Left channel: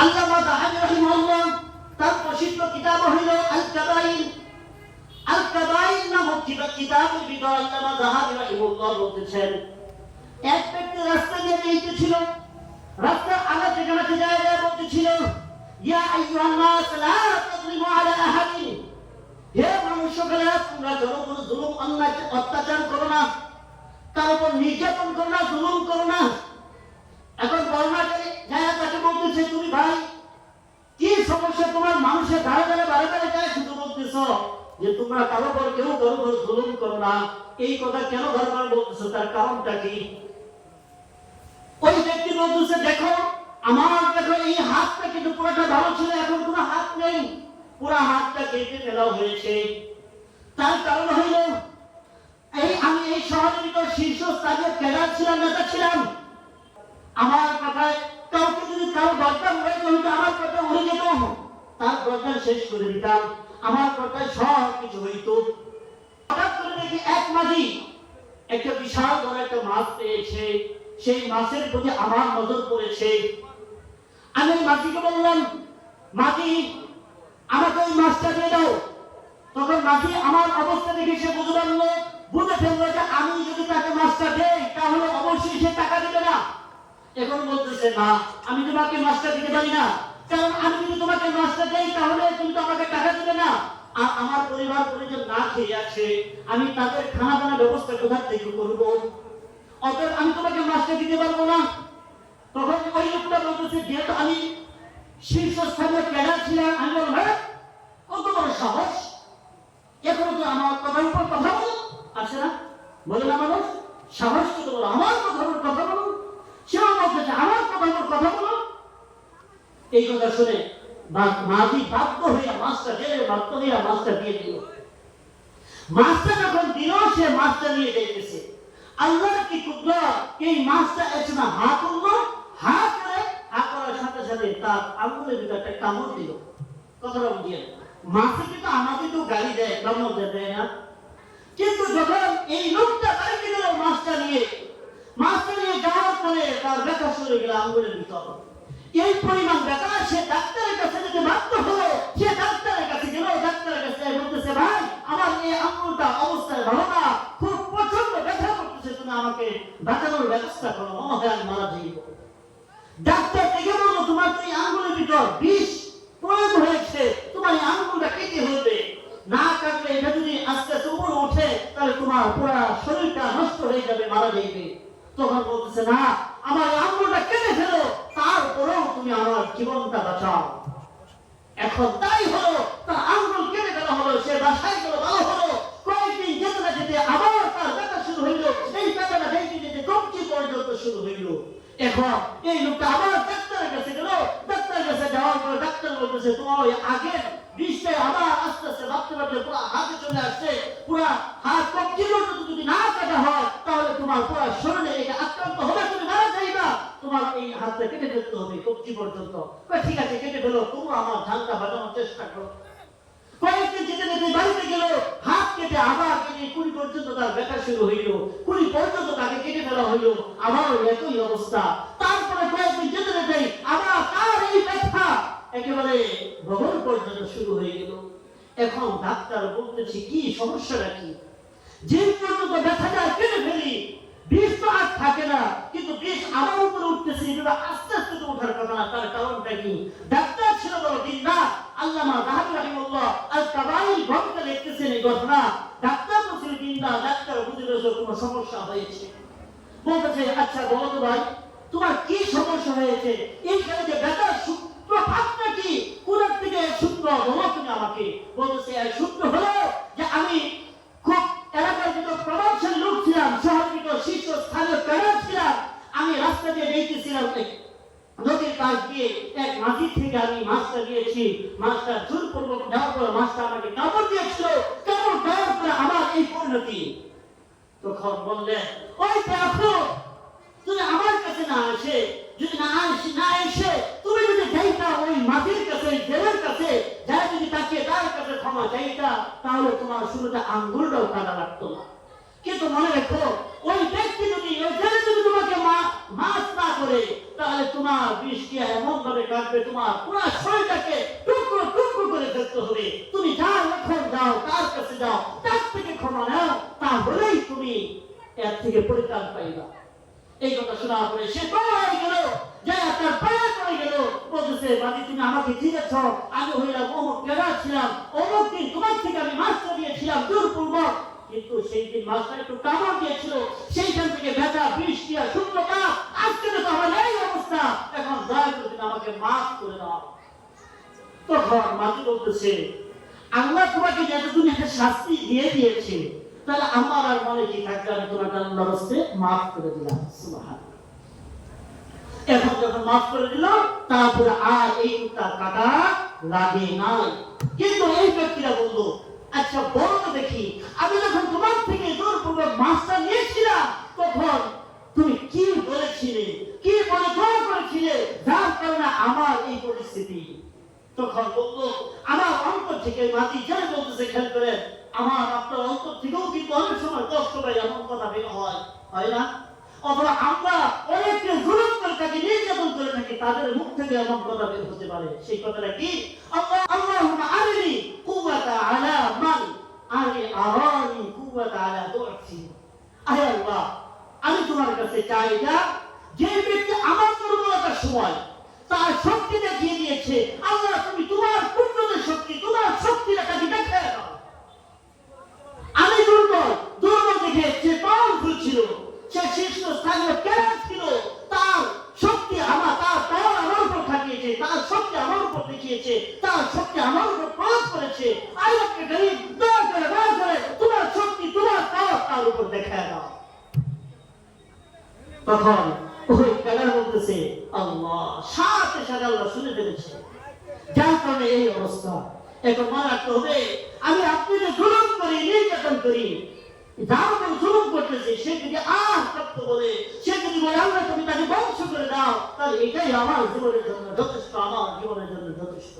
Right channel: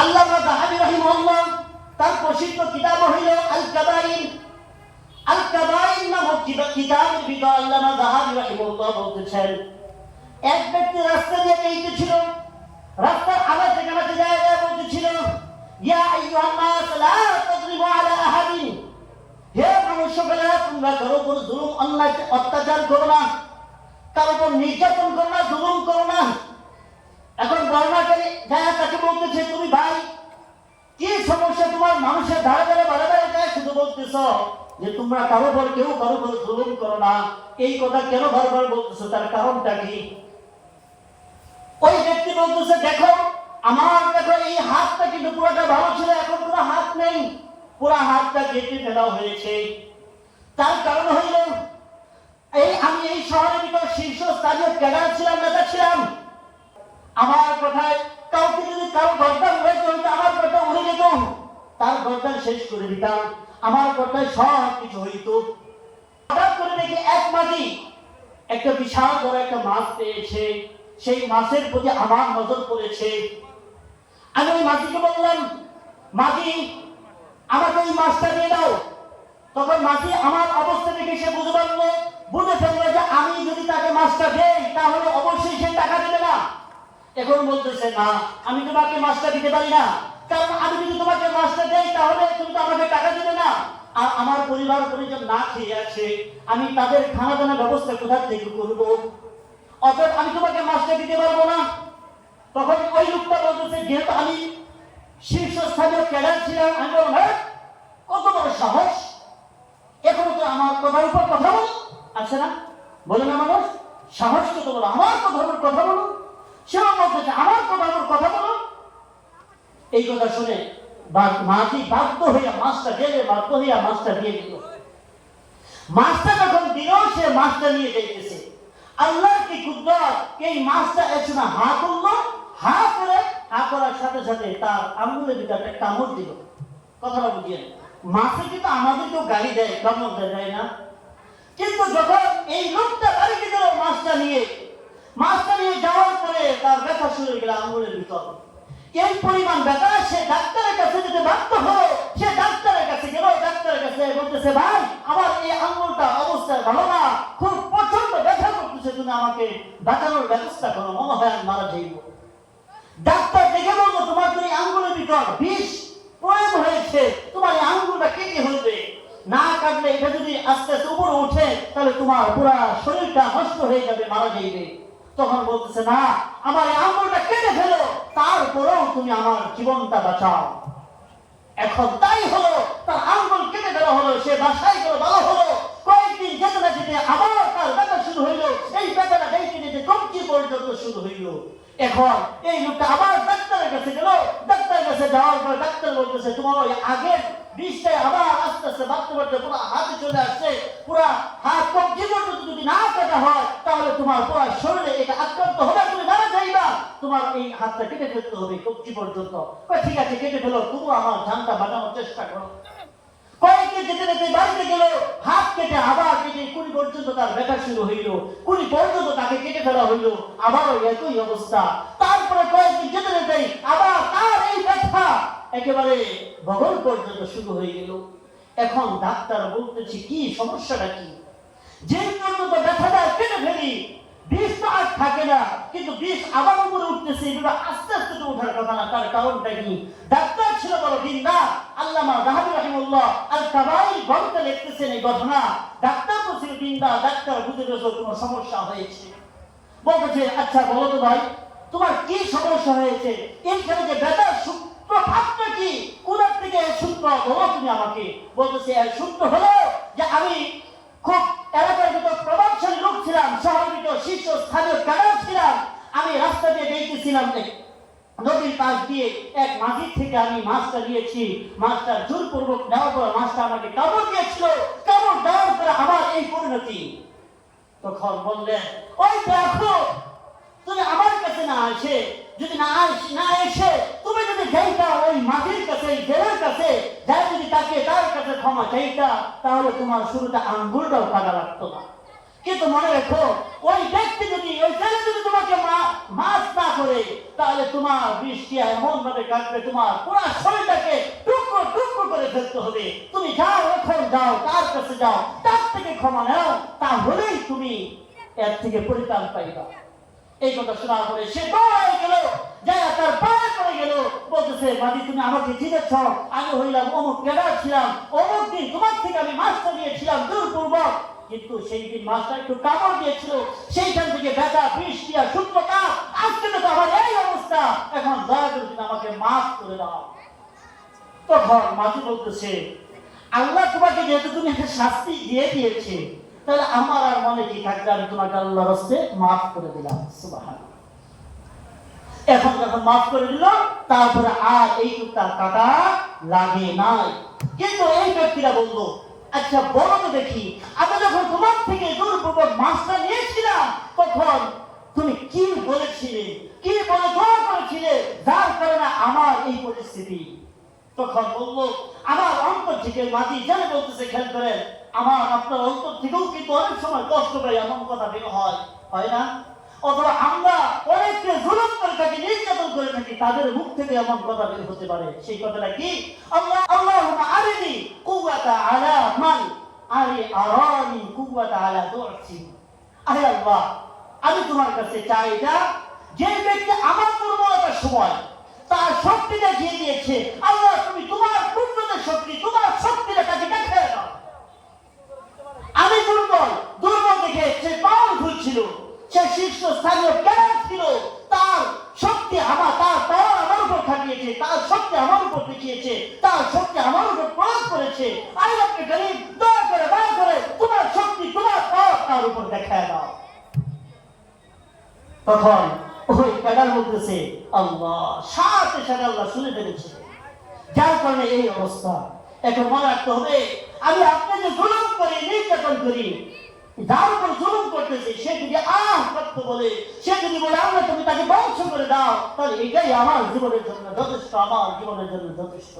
আল্লামা দাহাবি রাহিমাহুল্লাহ, তার প্রসিদ্ধ কিতাব হইল আল কাবাইন আল কাবাইন নামক কিতাব কিতাবের ভিতর আল্লামা দাহাবি রাহিমাহুল্লাহ বলতেছেন, এক ব্যক্তি রাস্তা দিয়ে যাইতেছিল, রাস্তার আগে থেকে নাকি জায়গায় বলতেছিল, ইয়া আইয়ুহান নাস লা তাজলিমু আলা আহাদিন। হে মানুষগুলা তোমরা কারও উপর জুলুম, অন্যায় অত্যাচার করো না, কারও উপর নির্যাতন করো না, জুলুম করো না। এখন বর্ণাকারী যারা তাকে বলতেছে, তুমি ভাই, কি সমস্যা? তোমার মানুষের ধারে ধারে বারে বারে যায় শুধু বলতেছ যে তোমরা কারও উপর কেউ কারও উপর জুলুম করো না। এই কথা কেন বারবার বলতেছো? তার কারণটা কি? ওই ব্যক্তি বলতেছে, দেখো, আমার দেখো, এই হাতটা কিন্তু পুরোটা ভালো ছিল, এখন কোনো হাত নেই। পুরো হাতটা কেটে ফেলা হয়েছে। তার কারণ হইল, এই আমি এই শহরের ভিতর শীর্ষস্থানীয় ক্যাডার ছিলাম, নেতা ছিলাম। আমার কথায় কাউকে যদি কারও গর্দান হয়েছে হইতো আমার কথা উড়ে যেত। তার গর্দান শেষ করে দিতাম। আমার কথায় সব কিছু হইতো। হঠাৎ করে দেখি এক মাঝি একটা বিশাল বড় একটা মাছ পেয়েছে। সেই মাছের প্রতি আমার নজর পড়েছে। আমি ওই মাঝিকে বললাম, মাঝি, আমাকে ওই মাছটা দিয়ে দাও। তখন মাঝি আমার অবস্থা দেখে সে বুঝে পারল বুঝে ফেলল যে আমি যদি তাকে মাছটা দেই, তাহলে অবশ্যই সে টাকা দেবে না। এখন বলতেছে না আমি তোমাকে মাছটা দিতে পারি না। কারণ আমি যদি তোমাকে মাছটা দেই তাহলে তুমি তো আমাকে টাকা দিবে না। আর আমার পরিবার পরিজন না খেয়ে আছে আমি তাদের খানা দানা ব্যবস্থা কোথা থেকে করব? অতএব আমি তোমাকে মাছটা দিতে পারব না। তখন ওই লোকটা বলতেছে যেহেতু আমি শীর্ষস্থানীয় ক্যাডার ছিলাম আমি বললাম "হ্যাঁ, কত বড় সাহস। এখন তো আমার কথার উপর কথা বলো। আছে না বলে না মানুষ সাহস কত বলো আমার কথার উপর কথা বলো। সেও বলতেছে আমার কথার উপর কথা বলো। এই কথা শুনে মাঝি বাধ্য হইয়া মাছটা জেলে বাধ্য হইয়া মাছটা দিয়ে দিল। মাছটা যখন দিল, সে মাছটা নিয়ে যাইতেছে। আল্লাহর কি কুদরত এই মাছটা একসময় হা করল, হা করে হা করার সাথে সাথে তার আঙ্গুলের ভিতরে একটা কামড় দিল। কথাটা বুঝিয়ে মাছে কিন্তু আমাদেরকেও গাড়ি দেয়? কামড় দেয় না। কিন্তু যখন এই লোকটা বাড়িতে গেল, মাছটা নিয়ে মাছটা নিয়ে যাওয়ার পরে তার ব্যথা শুরু হয়ে গেল আঙ্গুলের ভিতর। এই পরিমাণ ব্যথা সে ডাক্তারের কাছে যেতে বাধ্য হলো। সে ডাক্তারের কাছে গেল ডাক্তারের কাছে বলতেছে, ভাই, আমার এই আঙ্গুলটা অবস্থায় ভালো না। খুব প্রচণ্ড ব্যথা করতেছে, তুমি আমাকে বাঁচানোর ব্যবস্থা করো, মনে হয় আমি মারা যাইব। ডাক্তার দেখে বলল, তোমার এই আঙ্গুলের ভিতর বিষ প্রয়োগ হয়েছে। তোমার এই আঙ্গুলটা কেটে হইবে না কাটলে এটা যদি আস্তে আস্তে উপরে উঠে তাহলে তোমার পুরা শরীরটা নষ্ট হয়ে যাবে, মারা যাইবে। তখন বলতেছে, না, আমার এই আঙ্গুলটা কেটে ফেলো, তারপরেও তুমি আমার জীবনটা বাঁচাও। এখন তাই হলো, তার আঙ্গুল কেটে দেওয়া হলো, সে বাসায় গেল, ভালো হলো। কয়েকদিন যেতে না যেতে আবার তার ব্যথা শুরু হইল, এই ব্যথাটা যেতে যেতে কমকি পর্যন্ত শুরু হইল। এখন এই লোকটা আবার ডাক্তারের কাছে গেল, ডাক্তারের কাছে যাওয়ার পর ডাক্তার বলতেছে, তোমার ওই আগের বিষটাই আবার আস্তে আস্তে ভাবতে ভাবতে পুরো হাতে চলে আসছে, পুরা হাত কবজি পর্যন্ত যদি না কাটা হয়, তাহলে তোমার পুরো শরীরে এটা আক্রান্ত হবে, তুমি মারা যাইবা। তোমার এই হাতটা কেটে ফেলতে হবে কবজি পর্যন্ত। ঠিক আছে, কেটে ফেলো তবু আমার ধানটা বাঁচানোর চেষ্টা করো। কয়েকদিন যেতে যেতে বাড়িতে গেল, হাত কেটে আবার কেটে কুড়ি পর্যন্ত তার ব্যথা শুরু হইল, কুড়ি পর্যন্ত তাকে কেটে ফেলা হইল, আবার একই অবস্থা। তারপরে কয়েকদিন যেতে যেতে আবার তার এই ব্যথা একেবারে বগল পর্যন্ত শুরু হয়ে গেল। এখন ডাক্তার বলতেছে, কি সমস্যাটা কি? যে পর্যন্ত ব্যথাটা কেটে ফেলি, বিষ তো আর থাকে না, কিন্তু বিষ আবার উপরে উঠতেছে এগুলো আস্তে আস্তে তো ওঠার কথা না, তার কারণটা কি? ডাক্তার ছিল বড় দিন না রাহাবি রাহিমুল্লাহ লিখতেছেন এই ঘটনা। ডাক্তার ছিল দিনদার ডাক্তার বুঝে পেয়েছে কোনো সমস্যা হয়েছে? বলতেছে আচ্ছা বলো তো ভাই, তোমার কি সমস্যা হয়েছে? এইখানে যে ব্যথার সূত্রপাতটা কি? কোনার থেকে সূত্র বলো তুমি আমাকে। বলতেছে এর সূত্র হলো যে আমি খুব এলাকার ভিতর প্রভাবশালী লোক ছিলাম শহরের ভিতর শীর্ষ স্থানীয় ক্যাডার ছিলাম। আমি রাস্তা দিয়ে যাইতেছিলাম নদীর পাশ দিয়ে এক মাঝির থেকে আমি মাছটা নিয়েছি। মাছটা জোরপূর্বক নেওয়ার পর মাছটা আমাকে কামড় দিয়েছিল। কামড় দেওয়ার পরে আমার এই পরিণতি। তখন বললেন ওই দেখো তুমি আমার কাছে না আসে। যদি না না এসে, তুমি যদি যাইতা ওই মাটির কাছে জেলের কাছে, যাই যদি তাকে তার কাছে ক্ষমা চাইতা, তাহলে তোমার শুরুতে আঙ্গুলটাও কাটা লাগতো না। কিন্তু মনে রেখো, ওই ব্যক্তি যদি ওই ছেলে যদি তোমাকে মা- মাফ না করে, তাহলে তোমার বৃষ্টি এমন ভাবে কাটবে, তোমার পুরো শরীরটাকে টুকরো টুকরো করে ফেলতে হবে। তুমি যাও, এখন যাও, তার কাছে যাও, তার থেকে ক্ষমা নাও, তাহলেই তুমি এর থেকে পরিত্রাণ পাইবা। এই কথা শোনার পরে সে দৌড়াই গেল। যাই তার পায়ে পড়ে গেল। বলতেছে মাদি তুমি আমাকে চিনেছ। আমি হইলাম অমুক ক্যাডার ছিলাম। অমুক দিন তোমার থেকে আমি মাস্টার দিয়েছিলাম দূরপূর্বক। কিন্তু সেই দিন মাস্টার একটু কামড় দিয়েছিল। সেইখান থেকে ব্যথা বিষ দিয়া সূত্রপাত আজকে তো আমার এই অবস্থা। এখন দয়া করে তুমি আমাকে মাফ করে দাও। তখন মাঝি বলতেছে, আল্লাহ তোমাকে যেহেতু তুমি একটা শাস্তি দিয়ে দিয়েছে তাহলে আমার আর মনে কি থাকবে? আমি তোমাকে আল্লাহ হস্তে মাফ করে দিলাম। সুবাহান এখন যখন মাফ করে দিল, তারপরে আর এই কুত্তা কাটা লাগে নাই। কিন্তু এই ব্যক্তিরা বলল আচ্ছা বলো তো দেখি, আমি যখন তোমার থেকে জোরপূর্বক মাছটা নিয়েছিলাম, তখন তুমি কি বলেছিলে? কি বলে দোয়া করেছিলে? যার কারণে আমার এই পরিস্থিতি। তখন বলল, আমার অন্তর থেকে মাটি জেনে বলতেছে, খেয়াল করেন আমার আপনার অন্তর থেকেও কিন্তু অনেক সময় কষ্ট পাই এমন কথা বের হয় হয় না? অথবা আমরা অনেককে জুলুম করে থাকি, নির্যাতন করে থাকি, তাদের মুখ থেকে এমন কথা বের হতে পারে। সেই কথাটা কি? আল্লাহ আল্লাহুম্মা আরিনি কুওয়াতা আলা মান আরি আরানি কুওয়াতা আলা দুআতি আহে আল্লাহ, আমি তোমার কাছে চাই এটা, যে ব্যক্তি আমার দুর্বলতার সময় তার শক্তি দেখিয়ে দিয়েছে, আল্লাহ তুমি তোমার পূর্ণতার শক্তি, তোমার শক্তিটা তাকে দেখিয়ে দাও আমি দুর্বল দুর্বল দেখে সে পাওয়ারফুল ছিল, সে শীর্ষস্থানীয় ক্যাডার ছিল, তার শক্তি আমার, তার পাওয়ার আমার উপর খাটিয়েছে, তার শক্তি আমার উপর দেখিয়েছে, তার শক্তি আমার উপর প্রয়োগ করেছে। আই আপনি গরিব, দয়া করে দয়া করে, তোমার শক্তি, তোমার পাওয়ার তার উপর দেখায় দাও। তখন ওই ক্যাডার বলতেছে আল্লাহ, সাথে সাথে আল্লাহ শুনে ফেলেছে। যার কারণে এই অবস্থা। এখন মনে রাখতে হবে, আমি আপনাকে জুলুম করি, নির্যাতন করি। যার উপর জুলুম করতেছে। সে যদি আহ করতে বলে, সে যদি বলে, আল্লাহ, তুমি তাকে বংশ করে দাও, তাহলে এটাই আমার জীবনের জন্য যথেষ্ট, আমার জীবনের জন্য যথেষ্ট।